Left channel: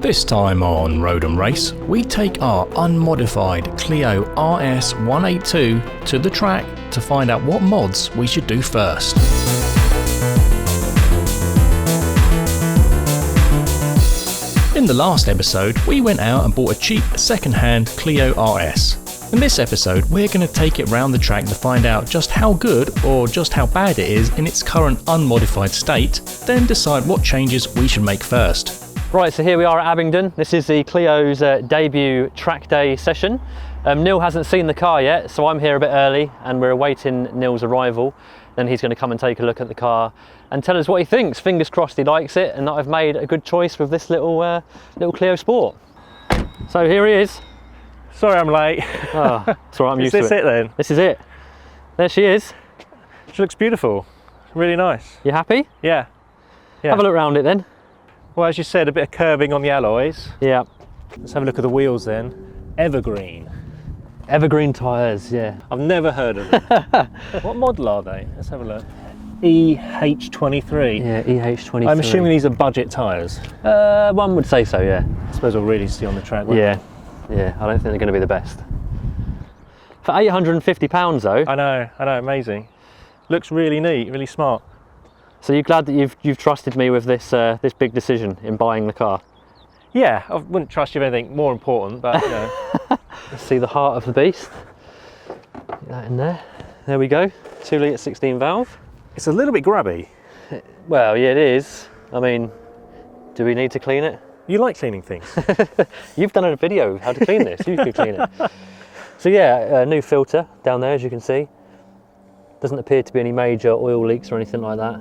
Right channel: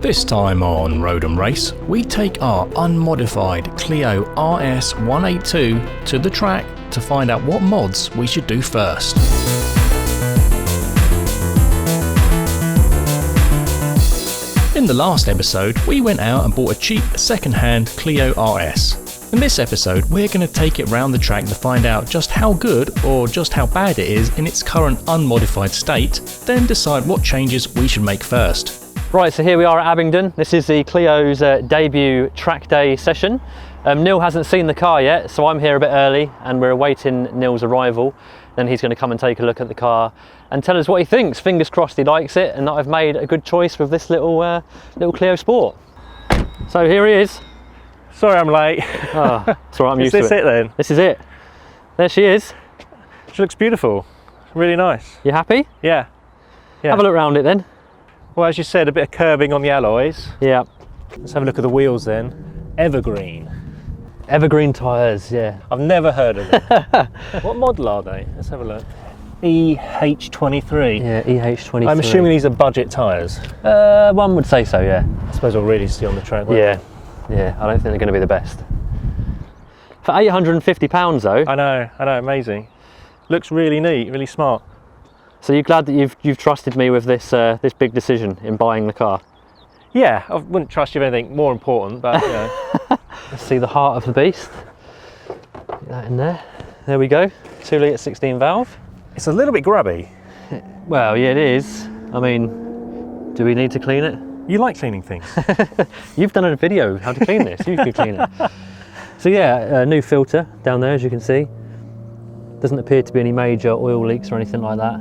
This time on Road and Race, we take our unmodified Clio RS 182 to the track to find out what mods we should do first. In the last episode, we went out and bought a cheap second-hand Clio RS. In this episode, we're going to take it round the track to find out just how good or just how bad it is in its current unmodified state, then decide what changes we should make first. Right, so here we are at Abingdon. This is the Clio's debut track day session. Neil hasn't seen the car yet, so I'm here a bit early and we're awaiting Neil's arrival. Then he's going to come and take a look at the car and tell us what he thinks. Fingers crossed he likes it and that I've made a good choice with this little Clio Sport. So here he is. Sorry I'm late. Oh, it's all right, I'm used to it. This is it then? This is it. There she is. She looks beautiful. Really nice. You happy? Yeah. Have a look around it then. Well, as you said, a bit of curving on the alloys. Yeah. Let's have a look at the wheels then. Evergreen. Evergreen tyres, yeah. I've never heard of them. What model are they? Let's have a look. EH23. Yeah, EH23. I'm assuming these are budget tyres. One would say so, yeah. I suppose I'll really see on the track. Yeah, I don't think they're going to be the best. For £850 though. I know, amazing. Looks really neat, really smart. So you're glad that you've trusted me with this this big decision in buying the car? Yeah, I wouldn't trust you with anything more important. But Let's see the heart of the beast. Get that in there. There we go. 2 litre 16 valve. it's a little bit grubby. Well, yeah, it is. I mean, do we need to clean it? You like cleaning things. You've done a video how to clean this. You could clean it. So yeah, a new filter down there, as you can see. Doesn't appear to be any major oil leaks or anything like that.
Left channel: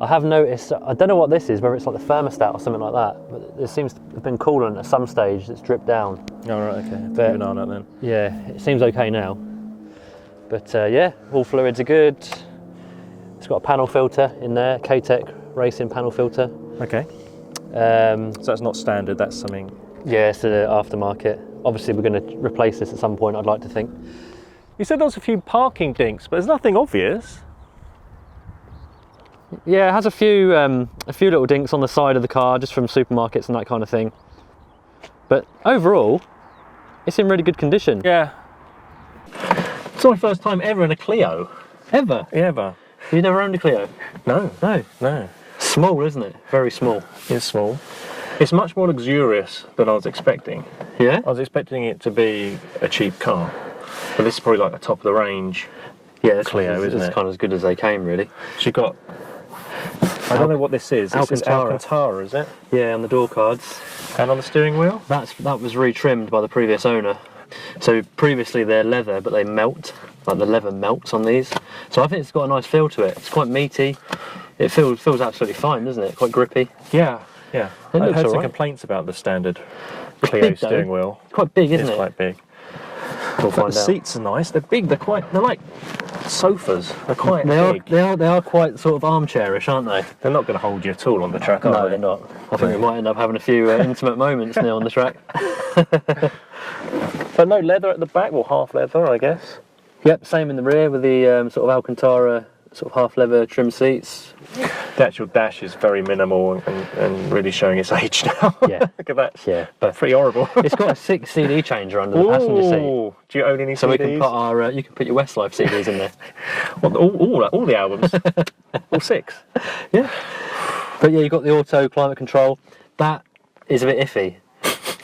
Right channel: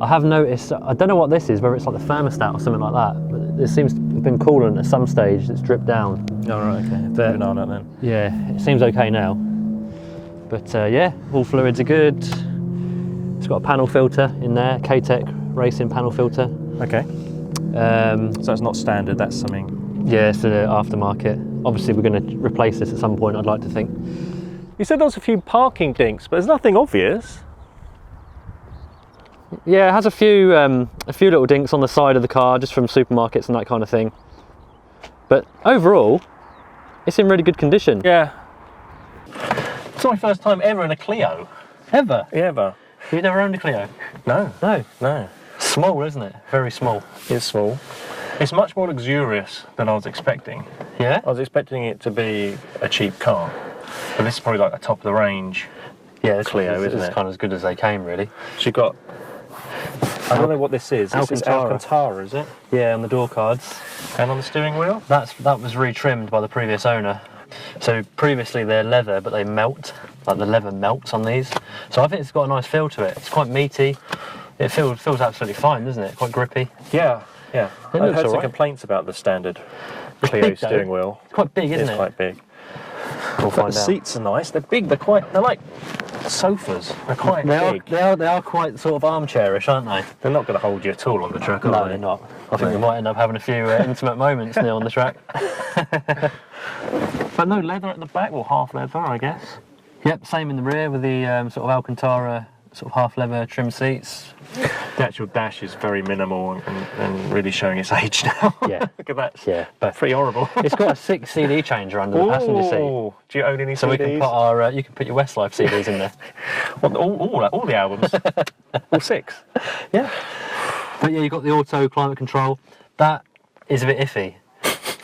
I have noticed, I don't know what this is, whether it's like the thermostat or something like that, but there seems to have been coolant at some stage that's dripped down. Alright. But No, not then. yeah, it seems okay now. But yeah, all fluids are good. It's got a panel filter in there, K-Tech racing panel filter. Okay. So it's not standard, that's something. Yeah, it's an aftermarket. Obviously we're going to replace this at some point, I'd like to think. You said there's a few parking things, but there's nothing obvious. Yeah, it has a few little dinks on the side of the car, just from supermarkets and that kind of thing. But overall, it's in really good condition. Yeah. It's my first time ever in a Clio. Ever? Ever. You've never owned a Clio? No. No. No. Small, isn't it? Very small. It's small. It's much more luxurious than I was expecting. Yeah? I was expecting it to be a cheap car, but this is probably like the top of the range. Yeah, this is kind of as good as they came, really. You've got, I don't know what this is. Alcantara. Alcantara, is it? Yeah, on the door cards. And on the steering wheel? That was retrimmed by the previous owner. So previously they're leather, but they melt. Like the leather melts on these. So I think it's got a nice feel to it. It's quite meaty. It feels absolutely fine, doesn't it? Quite grippy. Yeah, yeah. It looks I've heard some alright. complaints about the standard. It's big though. steering wheel. It's quite big, isn't it? Quite big. We'll find out. Seats are nice. They're big. They're like sofas. They are quite sort of armchairish, aren't they? They're not going to hold you at all on the track. No, they're not. I think we might end up having a few intimate moments now on the track. But no leather at the back, well, half leather, I guess. Yep, same in the rear with the sort of Alcantara sort of half leather trim seats. The actual dash is very minimal and really showing its age now. Yeah. Look at that. Yeah, but Pretty horrible. it's got a 6 CD changer under the passenger seat. Ooh, do you own any? So we can put our, you can put your Westlife CDs in there. What, all the albums? 6. Yeah. But yeah, you've got the auto climate control. That is a bit iffy.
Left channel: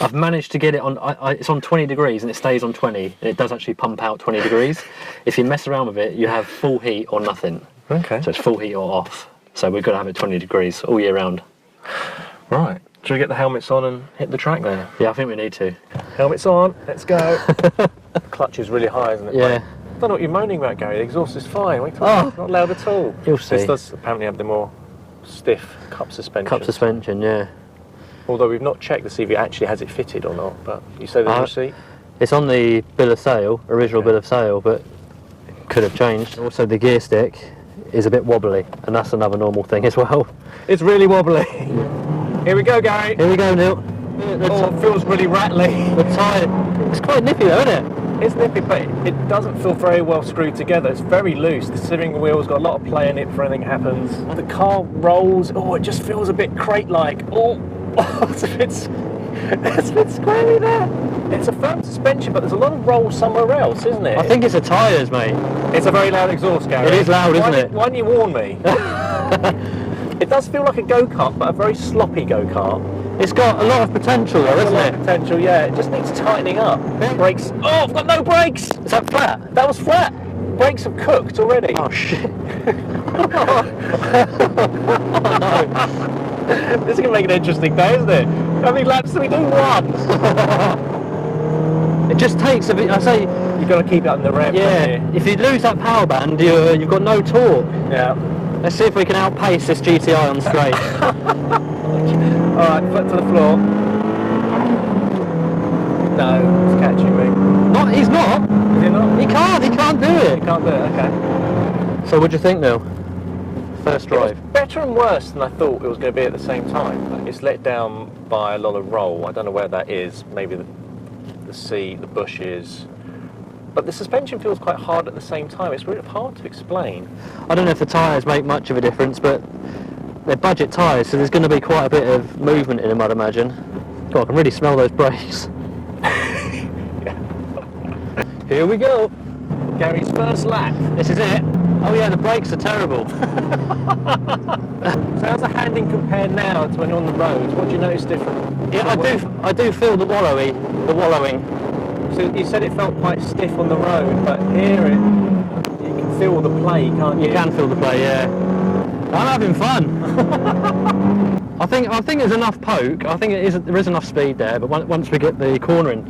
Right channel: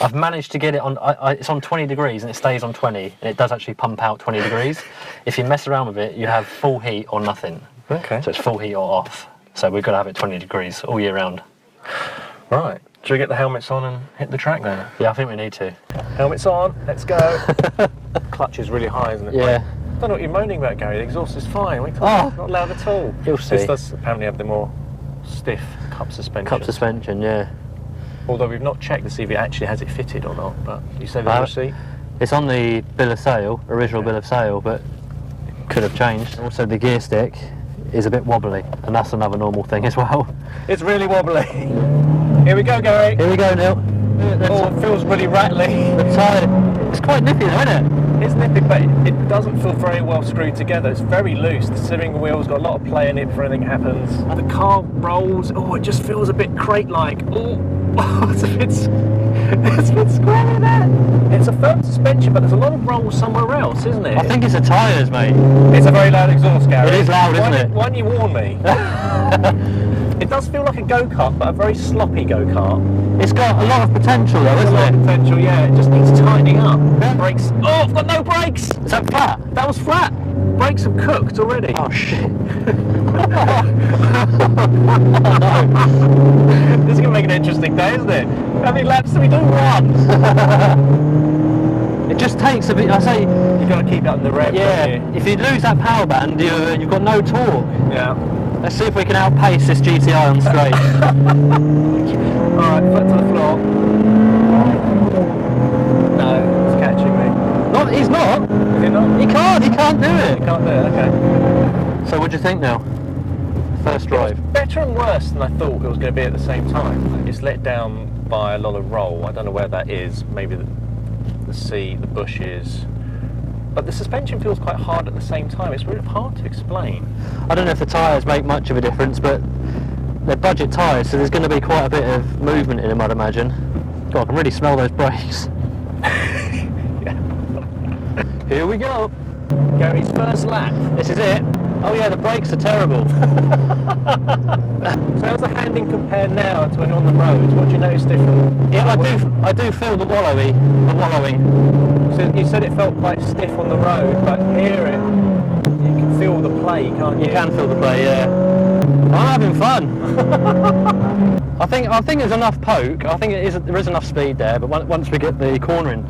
I've managed to get it on, it's on 20 degrees and it stays on 20 and it does actually pump out 20 degrees. If you mess around with it, you have full heat or nothing. Okay. So it's full heat or off. So we've got to have it 20 degrees all year round. Right. Should we get the helmets on and hit the track then? Yeah, I think we need to. Helmets on, let's go. Clutch is really high. Yeah. I don't know what you're moaning about, Gary. The exhaust is fine. Oh. Not loud at all. You'll see. This does apparently have the more stiff cup suspension. Cup suspension, yeah. Although we've not checked to see if it actually has it fitted or not, but you say that. It's on the bill of sale, original bill of sale, but it could have changed. Also the gear stick is a bit wobbly, and that's another normal thing as well. It's really wobbly. Yeah. Here we go, Gary. Here we go, Neil. It feels really rattly. The tyre, it's quite nippy though, isn't it? It's nippy, but it doesn't feel very well screwed together. It's very loose. The steering wheel's got a lot of play in it for anything happens. And the car rolls. Oh, it just feels a bit crate-like. Oh, it's Isn't it scary there? It's a firm suspension, but there's a lot of roll somewhere else, isn't it? I think it's the tyres, mate. It's a very loud exhaust, Gary. It is loud, isn't it? Why didn't you warn me? It does feel like a go-kart, but a very sloppy go-kart. It's got a lot of potential though, isn't it? Potential, yeah. It just needs tightening up. Brakes. Oh, I've got no brakes. Is that flat? That was flat. Brakes have cooked already. Oh shit. Oh no. This is going to make an interesting day, isn't it? How many laps do we do? One. It just takes a bit, I say... You've got to keep it under rev. Yeah, if you lose that power band, you've got no torque. Yeah. Let's see if we can outpace this GTI on straight. Alright, foot to the floor. No, it's catching me. Not, he's not. He can't do it. Can't do it. So what do you think, Neil? First drive. Better and worse than I thought it was going to be at the same time. It's let down by a lot of roll. I don't know where that is. Maybe the sea, the bushes. But the suspension feels quite hard at the same time. It's really hard to explain. I don't know if the tyres make much of a difference, but they're budget tyres, so there's going to be quite a bit of movement in them, I'd imagine. God, I can really smell those brakes. Here we go. Gary's first lap. This is it. Oh yeah, the brakes are terrible. How's the handling compared now to when you're on the road? Do you notice difference? Yeah, I do feel the wallowing. You said it felt quite stiff on the road, but hear it. You can feel the play, can't you? You can feel the play, yeah. I'm having fun. I think there's enough poke. I think there is enough speed there, but once we get the cornering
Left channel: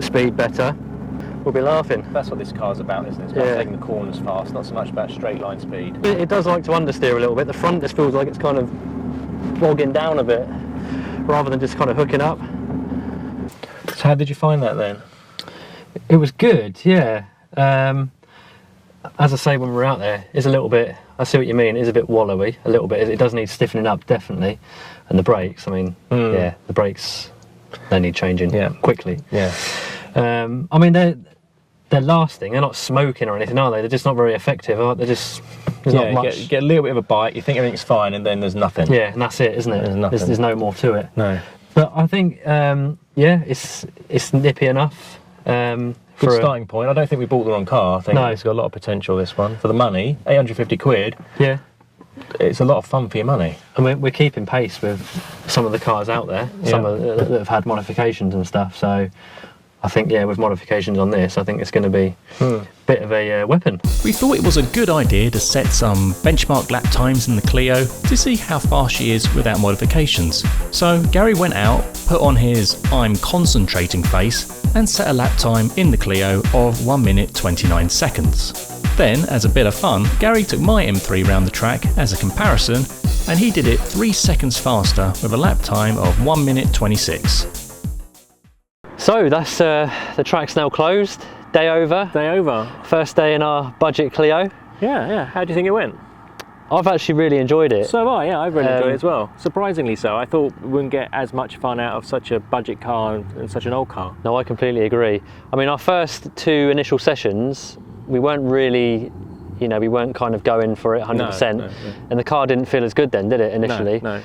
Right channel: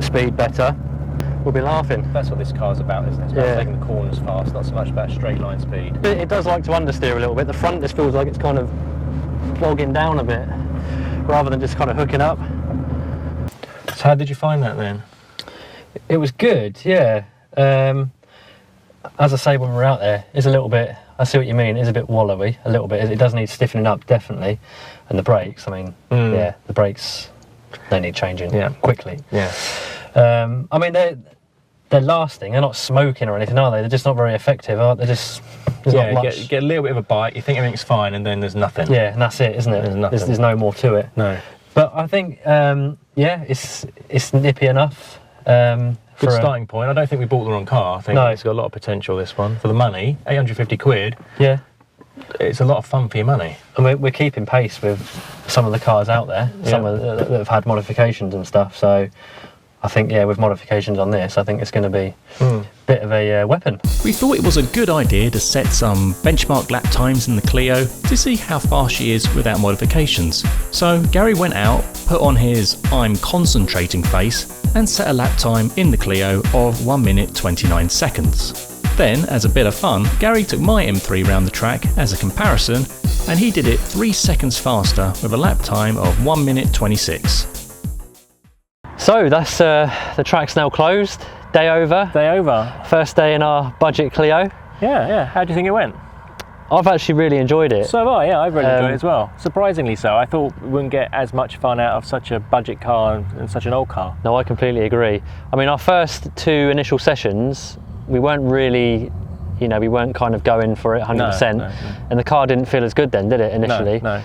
speed better, we'll be laughing. That's what this car's about, isn't it? Yeah. The corners fast, not so much about straight line speed. It does like to understeer a little bit. The front just feels like it's kind of bogging down a bit, rather than just kind of hooking up. So how did you find that then? It was good, yeah. As I say, when we're out there, it's a little bit, I see what you mean, it's a bit wallowy, a little bit. It does need stiffening up, definitely. And the brakes, I mean, yeah, the brakes, they need changing quickly. Yeah. I mean, they're lasting, they're not smoking or anything, are they? They're just not very effective, they're just, there's not much. You get a little bit of a bite, you think everything's fine, and then there's nothing. Yeah, and that's it, isn't it? There's no more to it. No. But I think, yeah, it's nippy enough. For a starting point, I don't think we bought the wrong car. I think it's got a lot of potential, this one. For the money, 850 quid. Yeah. It's a lot of fun for your money. And we're keeping pace with some of the cars out there, some that have had modifications and stuff. So I think, yeah, with modifications on this, I think it's going to be a bit of a weapon. We thought it was a good idea to set some benchmark lap times in the Clio to see how fast she is without modifications. So Gary went out, put on his I'm concentrating face, and set a lap time in the Clio of 1 minute 29 seconds. Then, as a bit of fun, Gary took my M3 round the track as a comparison, and he did it 3 seconds faster with a lap time of 1 minute 26. So that's the track's now closed. Day over. Day over. First day in our budget Clio. Yeah. How do you think it went? I've actually really enjoyed it. So have I, yeah, I've really enjoyed it as well. Surprisingly so. I thought we wouldn't get as much fun out of such a budget car and such an old car. No, I completely agree. I mean, our first 2 initial sessions, we weren't really, we weren't kind of going for it 100%. No. And the car didn't feel as good then, did it, initially? No.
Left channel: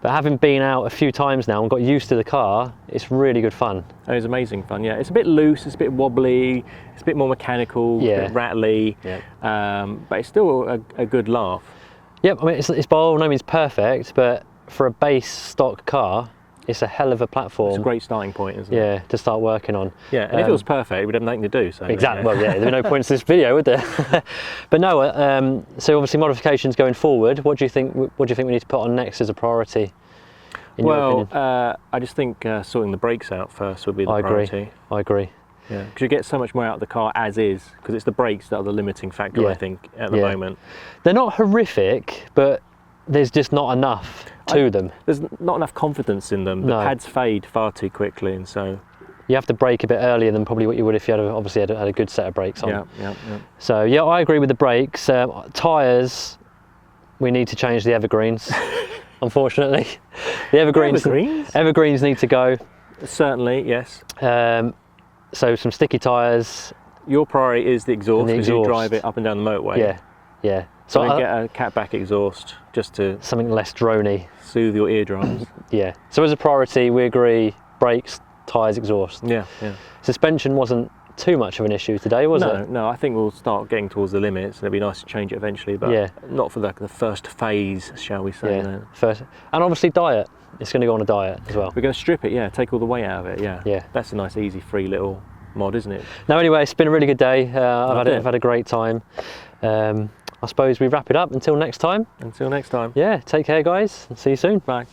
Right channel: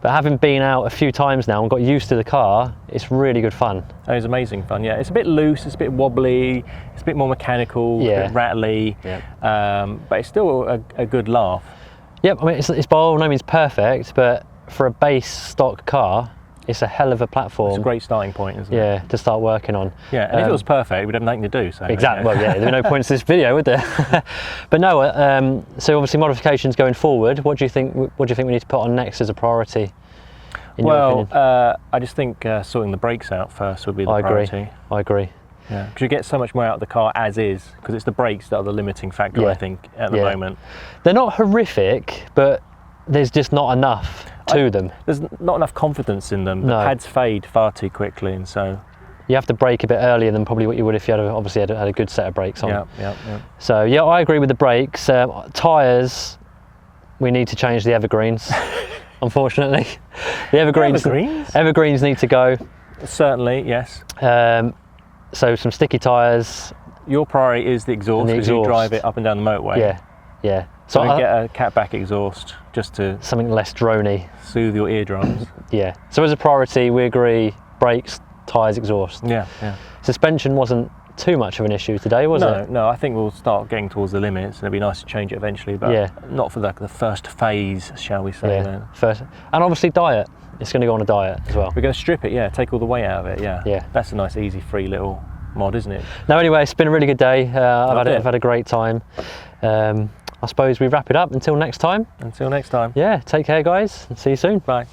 But having been out a few times now and got used to the car, it's really good fun. It was amazing fun, yeah. It's a bit loose, it's a bit wobbly, it's a bit more mechanical, it's a bit rattly, but it's still a good laugh. Yep, I mean, it's by all no means perfect, but for a base stock car, it's a hell of a platform. It's a great starting point, isn't it? Yeah, to start working on. Yeah, and if it was perfect, we'd have nothing to do. So exactly. Well, there's no point to this video, would there? But no. So obviously modifications going forward. What do you think? What do you think we need to put on next as a priority? Well, I just think sorting the brakes out first would be the priority. I agree. Yeah, because you get so much more out of the car as is, because it's the brakes that are the limiting factor, I think, at the moment. They're not horrific, but there's just not enough to them. There's not enough confidence in them. The pads fade far too quickly, and so you have to brake a bit earlier than probably what you would if you had obviously had a good set of brakes on. Yeah. So yeah, I agree with the brakes. Tyres, we need to change the evergreens. Unfortunately, the evergreens need to go. Certainly, yes. So some sticky tyres. Your priority is the exhaust because you drive it up and down the motorway. Yeah. So we can get a catback exhaust just to something less drony, soothe your eardrums. Yeah. So as a priority, we agree brakes, tyres, exhaust. Yeah, yeah. Suspension wasn't too much of an issue today, was it? No, I think we'll start getting towards the limits, and it'd be nice to change it eventually, but Yeah. not for the first phase, shall we say. Then First, and obviously diet. It's going to go on a diet as well. we're going to strip it, yeah, take all the weight out of it, yeah. Yeah. That's a nice, easy, free little mod, isn't it? No, anyway, it's been a really good day. Loved I've it. had a great time. I suppose we wrap it up until next time. Until next time. Yeah, take care, guys. See you soon. Bye.